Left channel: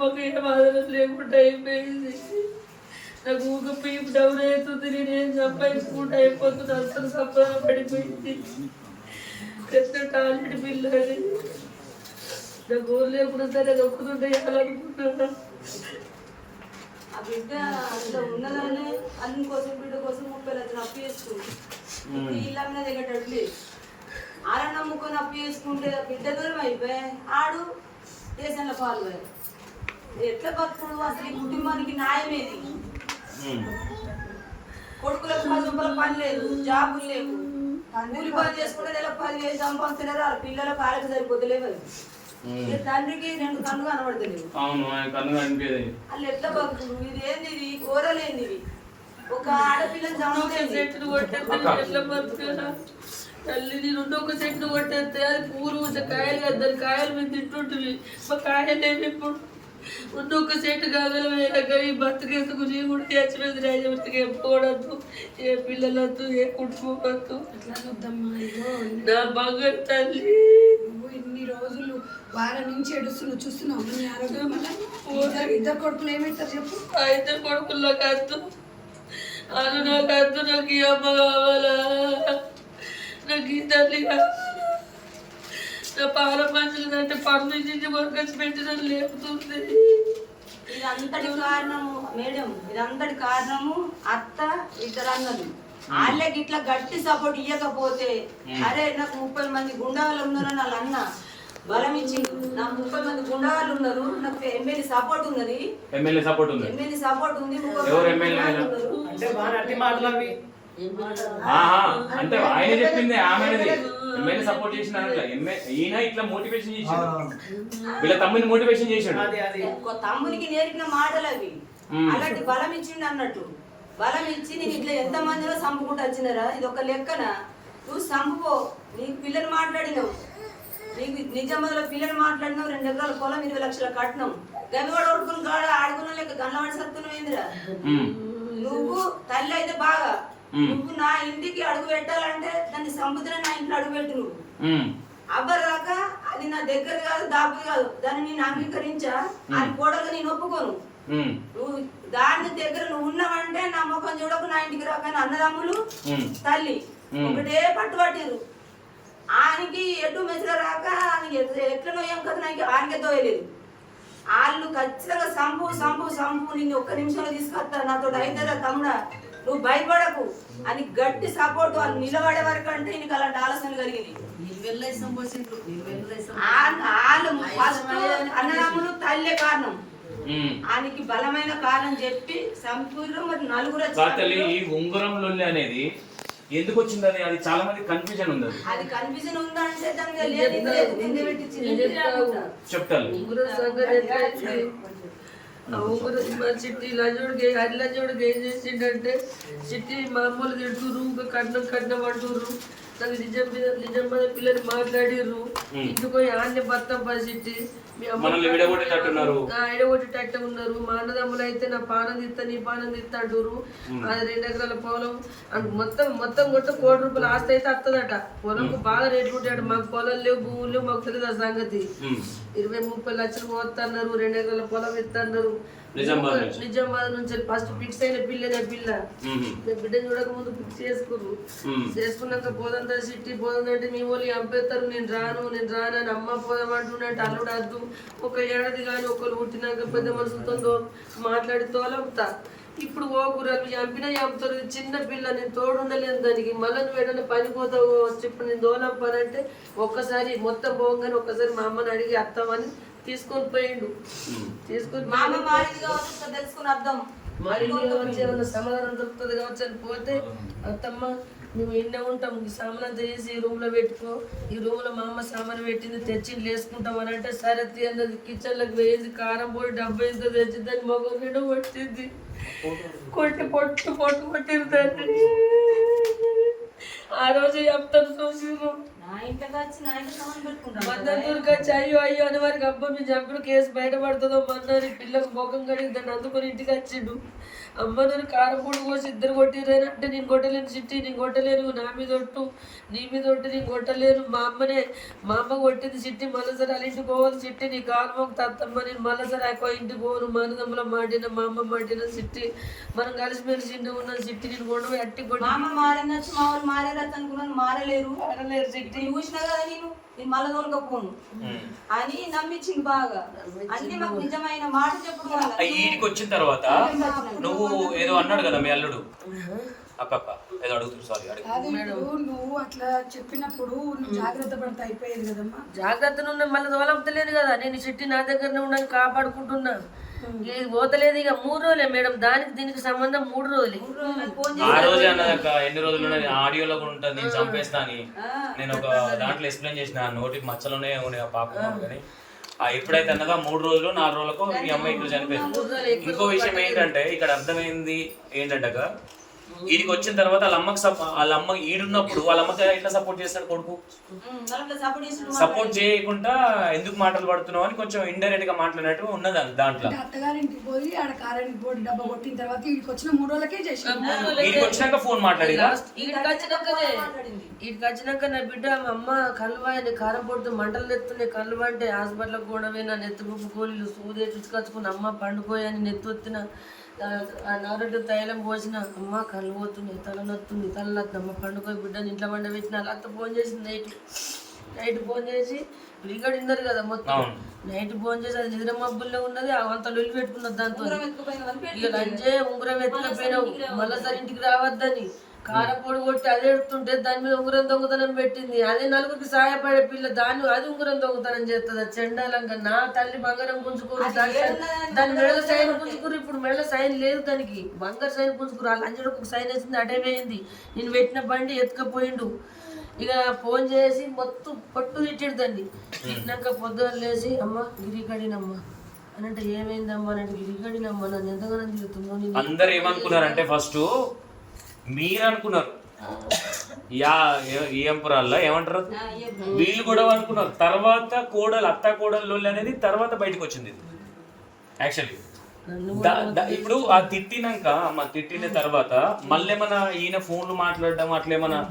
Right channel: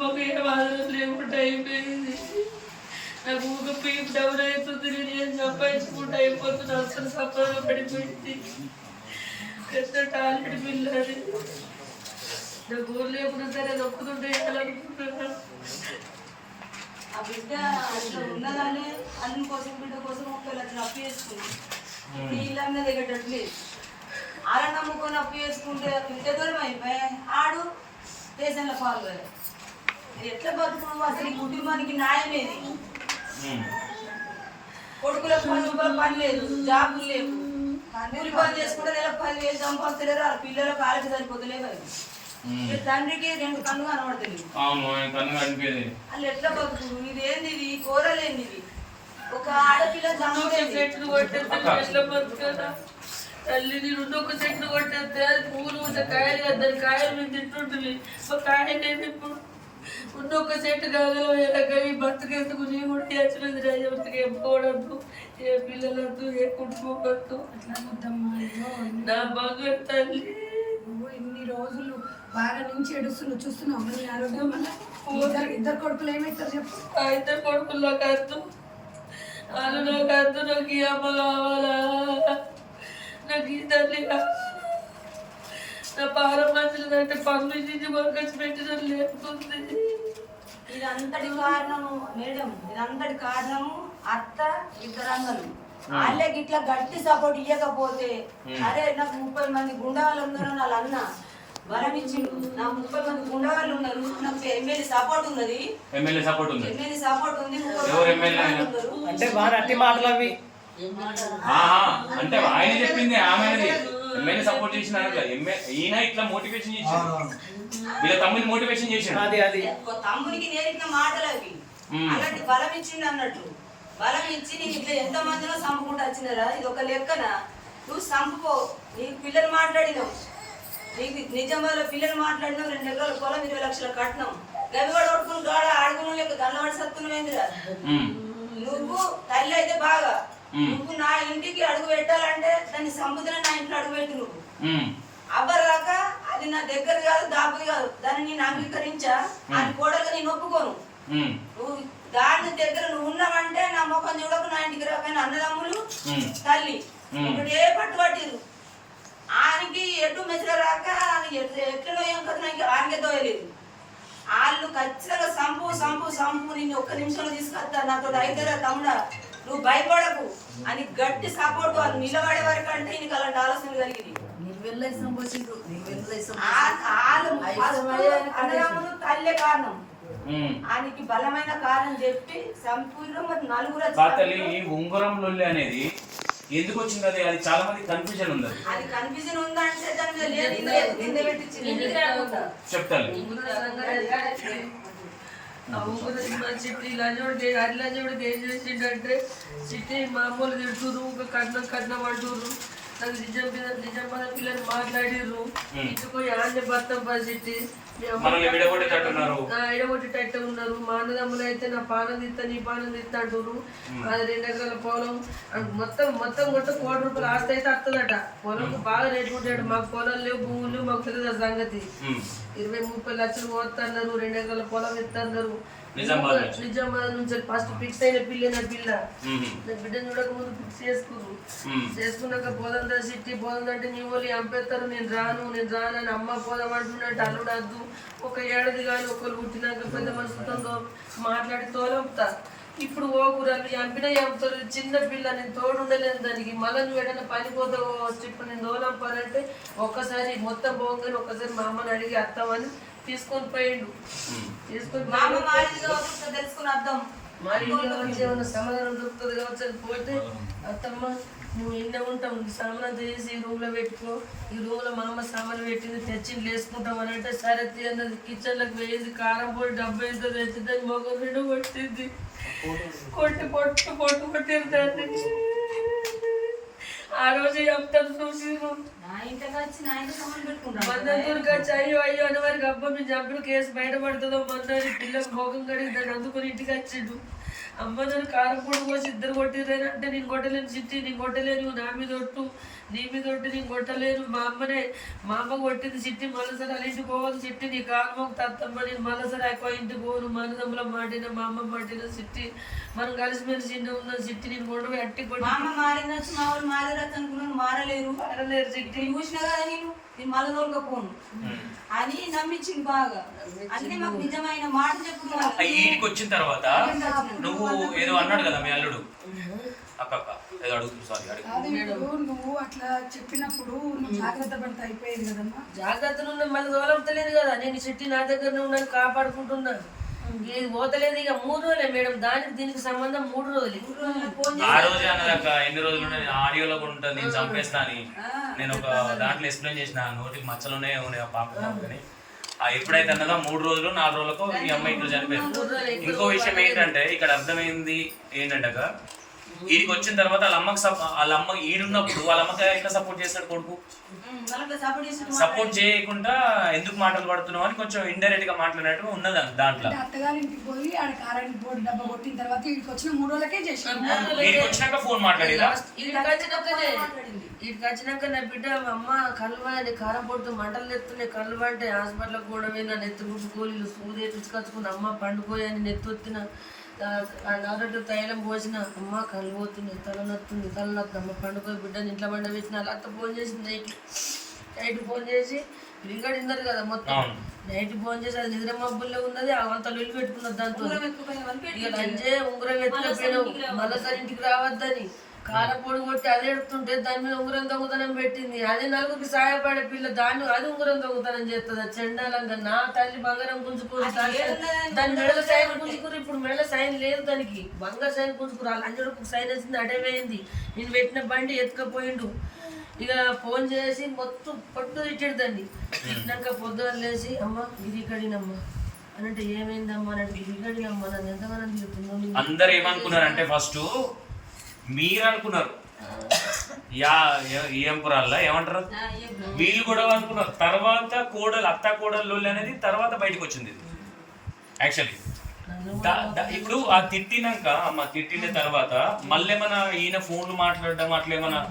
మాకు ఏం ఆదరణ లేకుండా అయిపోయింది. నాకు ఊక పీపు డౌన్ అవుతుంది. నేను సంపాదించుకుంటూ అయిపోతుంది. అవసరం సంపాదన పడిపోయింది. పెద్ద టాలెంట్ పిల్లది. నాకు ఊరు లేకుండా సరే అది ఒక్కతుంటే వేయాలనుకుంటున్నా. ఆ బిడ్డ అట్లా ఉన్నదానే అన్ని కోసం బిడ్డ కోసం 30 లక్షలు అప్పు చేసుకుంది. ఇల్లన్న దిగేటట్లేదు. అలా నమ్ముకొని అప్పు చేసుకుంటే బిడ్డ దూరం అయిపోయి ఆడు దేశంలో పాల్గొని ఎట్లా బతుకుడు? అసలు ఈ కుటుంబానికి న్యాయమేది? కొడుకులకు 10 రూపాయలు పని లేదు, జాబులు లేవు, కూలి పని చేసుకుంటే నెల 10,000 సంపాదించలేరు. వాళ్ళ పిల్లలకు ఆలకి సరిపోతలేవు. తండ్రికి 2 కళ్ళు కనబడతలేవు. వాళ్ళు ఎట్లా బతుకుడు? ఇది ఏంది? ఇది కూరలేంది? ఇది ఒక ఆడపిల్లని చెట్లు కొట్టేస్తే తల్లి నేను ఒక చెట్లు కొట్టేస్తే పూలు కాయలు కదా, దాని కాయలు మేము తింటుంటివి. మా కాయలేమి ఇప్పుడు ఉన్నొక్క చెట్టు కాగలవి బతుకేందుకు నీ కూడా తెచ్చిపోయింది. రాజవతికి ఏం పోవద్దు, ఏ పిల్లలొద్దు, ఏ కుటుంబద్దు. అట్లా వద్దమ్మా. నా బంగారు తల్లి ఇన్ని రోజులు వారం నుంచి ఏడుస్తున్నావు, చూస్తున్నావు అమ్మ నీ ఆరోగ్యం. మళ్ళీ ఇద్దరు కొడుకులు ఏమవుతారు చెప్పు? ఆ 2 కొడుకులు నాకు అద్దు, అను నాకు అద్దు. నాకు ఈ అమ్మ కావాలా? నాకు ఈ తల్లి కావాలా? నా పాల మంచిదంటే పన్ను నుంచి కొనుకొచ్చి పెట్టిన లేపుతుంది. ఇదంతటి కారణము మేడం, ఇదంతటి కారణము అత్త, 2 అన్నలు. వాళ్ళకి ఇట్లా గట్టి సపోర్ట్ ఇవ్వకపోతే అరే నాకు 30 మంది గుండాలు ఉన్నారని వాళ్ళ అన్న బలం ఇచ్చి, నా 30 మంది గుండాలు ఉన్నారు, నాకు ఎమ్మెల్యే సపోర్ట్ ఉన్నది, ఎమ్మెల్యే సపోర్ట్ ఉంది. అంటే ఆయన చెప్పింది ఆమెది ఎమ్మెల్యే సపోర్ట్ చేసిన ఈయన ఇట్లా మోటివేషన్ చేసాడు, వీళ్ళ తమ్ముని మోటివేషన్ చేసాడు. తమ్మునికి నేర్పిన మాటలు అవి. అలాంటి బలం ఇచ్చింది అన్నట్టు. బలం ఇచ్చి నీకు ఇట్లా ఎంత మందిలో చంపుకుంటూ వచ్చినారా? ఇది ఒక లెక్కన. నువ్వు చంపుకో, నీకు పిల్లలు మాట్లాడినావు, నీకు నిజంలో పిల్లలు మాట్లాడినావు, 2 ఎకరాల పొలం, 20 లక్షల కట్నం, గవివాడు కొట్టుకుని గాడ ఆడుకున్న లెక్క గన్నవాడి సత్తునవేందిరా? నువ్వు తల్లి అయితే బాగా, నువ్వు నా ఇంటికి అడుగు పెట్టాలంటే దాన్ని సముద్రం నా ఇంట్లో అడుగు పెట్టు. నువ్వు అబ్బరాక అది నా దగ్గర కాదు, దాపుది కాదు, దాన్ని నేను అంగీకరించా. అది కోడలుగా నేను ఒప్పుకోను. నువ్వు దాని దగ్గర నువ్వు ఉన్నావంటే నా ముఖం చూడకు, నా ఇంటికి రాకని అన్నదమ్ములు తల్లి ఒకటే పట్టుబట్టిరు. ఆయనకి ఎటు మెసలు రాక ఎట్లనో ఏం కదా నాకు ఆయనకే తోయలేదు. వాళ్ళు ఖచ్చితంగా సంపు నిన్ను 1 నిమిషంలో తీసుకొస్తా, నాతో అయితారా తమ్ముడా, నువ్వు భయపడకు అని గట్టి సపోర్ట్. వాళ్ళు నిలబడే వరకు అంటే నీకు అలాంటి ఆలోచన కలిగింది. అన్నదమ్ములు తల్లే కారణం, ఆయనకి బలమైన కారణం చెప్పి సంపూర్ణ. మరి 4 ఈ ఉంగరం లొల్లి అనేది ఎందుకు వచ్చింది? అది చాలా మంది కన్ఫ్యూజన్ ఉంది. అది కన్ఫ్యూజన్ ఉందంటే దానికి చెప్తాను. చిట్టి లజుడికి అల్లజుడికి ఏం చేసిండంటే, చిట్టి మామూలు తిడుతురు, కట్నం అంటుర్రు. నాకు నిజం మీద పిల్లలు మాట్లాడిర్రు. ఇంటికి ఆన్య భర్త చిట్టి ఇడగొట్టేటట్టే ఉన్నారు. మా అన్నదమ్ములు అయితే నా పానం తీస్తా, నీ పానం తీస్తా అంటారు. అది 2 ఎకరాల పొలం మొత్తం కొట్ట 1 కోటి రూపాయలు ఆస్తి అయితే వస్తుందట. పొలంకు బాగా రేటు ఉంటాడు. మాకు పొలం లేవు, భూములు లేవు, మాకు తెలియదు సంగతి. 20-30 లక్షలు పోతున్నారు, 2 ఎకరాల పొలం ఇస్తున్నారు. నిజామాబాద్ నుంచి ఫస్ట్ ఫిక్స్ అయిన పిల్ల బిడ్డను చూడక ముందు ఫిక్స్ చేసుకున్నాక పోదంతా సిట్టి పోదంటే నీ వాళ్ళు చంపేస్తారు, నేను రాను అని అమ్మ పోదాం అంటున్నట్టు అల్లుడు వద్దు. 1 ఏడాది కానీ ఒకరు పుట్టినాక పెద్ద మనుషులతో మాట్లాడి తోలంపుతా. ఇప్పుడు ఓ కూరలు చంపినా చంపుతారు. చిన్న పిల్ల, నేను తోడుండలేను దానికి. మళ్ళీ నువ్వు ఏదైనా పని పోతావు, ఇప్పుడు నేను దోలంపానంటే ఒక్కసారి మొత్తం పోగానే ఒక్కసారి మా అమ్మని అడిగి వస్తామని తీసుకొని పోయిండు. తీసుకొని తెలుసుకుని అర్థం మరి ఏమైనా సమాధానం దొరుకుతుంది కావచ్చు అని పోతే, అత్తమ్మ నువ్వు ఇంట్లో ఉంటాం, సామాన్ చేసి ఈ రూమ్లో పెట్టుకో, ఈ రూమ్లో మా అమ్మ సామాన్ పెట్టింది తెచ్చింది వేసుకుంటాం అని అంటే, సరే అన్నది. కిచెన్లోకి వేయింది, కారం పొడి 70 ఎంతో తెచ్చిందని మొగ 2 కొట్టింది. పొట్టు కొట్టింది. ఆ రోజు చెప్తాను చూసి నా ఇంటికి వచ్చి నా ఇంటి సంబంధం పెట్టుకుంటాను మందూరుకి వచ్చి అయ్యో అయ్యో అని వారికి అబ్బా మీ జబ్బులు కేసు బయటపడుతుందో మందని పిల్లలు ముఖం కడిగి దాన్ని అందుకొని ఇంటికి వచ్చిండు. అమ్మ నన్ను కారపూడి కోసి ఇద్దరు కొట్టిర్రని అంటే నేను కొట్టలేను చిట్టి, నేను కొట్టలేను, నా మీద ఒట్టు నీ మీద ఒట్టు నేను కొట్టలేను, మా అమ్మ కొట్టింది చిట్టి, మళ్ళీసారి వాళ్ళ ఇంటికి పోవాలి చిట్టి, నీ కారణం తత్తమ్మ, నేను మళ్ళీసారి ఎక్కువ ఇంటికి పోను, మానదమ్ముల మాటిన మా అమ్మ మాటిన చిట్టి, మనం కలిసిమెలిసి చిన్న ఉన్న చిట్టి, నేను కొండ అట్టి మా కొట్టి అమ్మ మారిందచ్చు, మా వాళ్ళు మారారచ్చు అనుకున్నాను, మారలేరు ఆడలేరు చిట్టి. ఇప్పుడు చూసిన కదా నేను మళ్ళీ తోలుకపోను అని నమ్మించింది బాగా. అంటే మాకు నిజమైన మాట చెప్పుకోవాలి. ఈడికి వచ్చిన తర్వాత నువ్వు ఏదో అన్నాడు కదా మీ అల్లుడు అక్క ఏదో అడుగుతుంది సారీ అడుగు అది ఇప్పుడు నువ్వు అట్లా చెప్పినప్పుడు నువ్వు జాగ్రత్త పడితే అయిపోయేది కదమ్మా. జాగ్రత్తలు ఉన్నాయి, మళ్ళీ తోలపతలేదు కదా, నేను చిట్టి నా దగ్గరనే ఉండని కాపాడుకుంటున్నా. ఇది పోతలేదు ఇక 3 రోజులే మేడం, దానికి దీనికి సంబంధం 3 రోజులే. ఆ రోజే అన్నదక్క ఎన్ని రోజులు ఆడియోలో కూడా ఉంటుంది నేను చంపేస్తా అని. నేను ఒక దాంట్లో ఎక్స్ప్లెయిన్ చేసిన నోటికి మచ్చలునే ఉన్నాయి పాపం కానీ ఎప్పుడైతే అన్నదో 3 రోజులు 4 రోజులకు ఈ అమ్మాయి ఇట్లా చనిపోయింది. ఇంకో విషయం ఏంటంటే ఇక్కడ అర్థమైంది ఏంటంటే వీడికి వచ్చిన తర్వాత వాళ్ళ అమ్మ ఈడున్నప్పుడు వాళ్ళ అమ్మకి ఎట్లా సపోర్ట్ చేస్తాడు కొడుకు? సపోర్ట్ చేయకుండా ఎందుకు మాటలు పడుతున్నావు అని కొంచెం ఇండైరెక్ట్ గా మాట్లాడినట్టు ఉన్నది దాంట్లో. అత్తగారింటికి పోయి ఆడ కారెంట్ బోర్డు డబ్బా కొట్టిన తర్వాత వీడికి వచ్చిన 3 రోజులకే చేసాను. వీడికి వచ్చినాక ఫోన్ మాట్లాడిరా? వీడికి వచ్చినాక నా బిడ్డ అమ్మ కళ్ళువాయని కారం పొట్టు మంటలు ఎత్తున్నాయి, కళ్ళు అంటే హాస్పిటల్కి కూడా పోయినా, నెత్తుకు గోళీలు సూదే తీసుకొచ్చుకుని అమ్మ పండుకోయని నెత్తొత్తిన నవరెడ్డి తైలం పోసిన, అమ్మ కళ్ళు పోతుంది, తలనొత్తుంది, తలనొత్తమ్మ పండుకోయి బిడ్డని ఇంట్లో పండ పెట్టిన. అలా అత్త ఫోన్ చేసింది నైట్ ఫోన్ చేసి రికార్డ్ విన్నారు కదా మొత్తం. నైట్ ఫోన్ చేసి అది నిద్ర మబ్బుల్లో ఉన్నది, అంత లొల్లి పెట్టుకున్నది దాంతో. ఇక లంచే ఉంగరం ఎత్తుకపోయినావు, మళ్ళీసారి ఇంటికి రావద్దని కారపొడి కొట్టి అది ఎడుతుంటే దాని మీద ఉంగరం దొంగతనం పెట్టింది. అదే నలుగురికి సహాయపడే పిల్ల దాన్ని అది ఉంగరం దొంగతనం చేస్తుంది. చెండాలంగా నా తల్లి బంగారం గుంజుకోరు, దాని మెడల సైన్ గుంజుకురు. ఇప్పుడు మెడల సైన్ లేదు, దానికి బంగారు సైన్ గుంజుకురు. ఆ లంచడికి సైన్ వచ్చింది, అడేమైంది. నేను పెట్టిన బండి ఎత్తుకపోయిండు. ఇక ఫోన్ చేసి మొత్తం పట్టు తిట్టాడు దాన్ని. తిట్టినాక పొద్దున లేచి అమ్మ గిరికడినమ్మా అని అంటే ఏమైందమ్మా అని అంటే గిరికడినమ్మా నన్ను ఎంతగానో తిరుగుతుందో. అందరు ఏమనుకున్నారంటే ఫస్ట్ మీరు అనుకున్నారు ఏం పురాల్లో ఏమంటారు వీళ్ళు కూడా అనుకున్నారు. తర్వాత అత్త కోడలు అనేది తర్వాత బయటకు వచ్చింది యాక్చువల్లీ. ఇప్పుడు ఆ తిట్టినాక తిట్టిన తర్వాత మళ్ళీ మన ఈయన ఫోన్లు మాట్లాడడం అట్లేమన్నా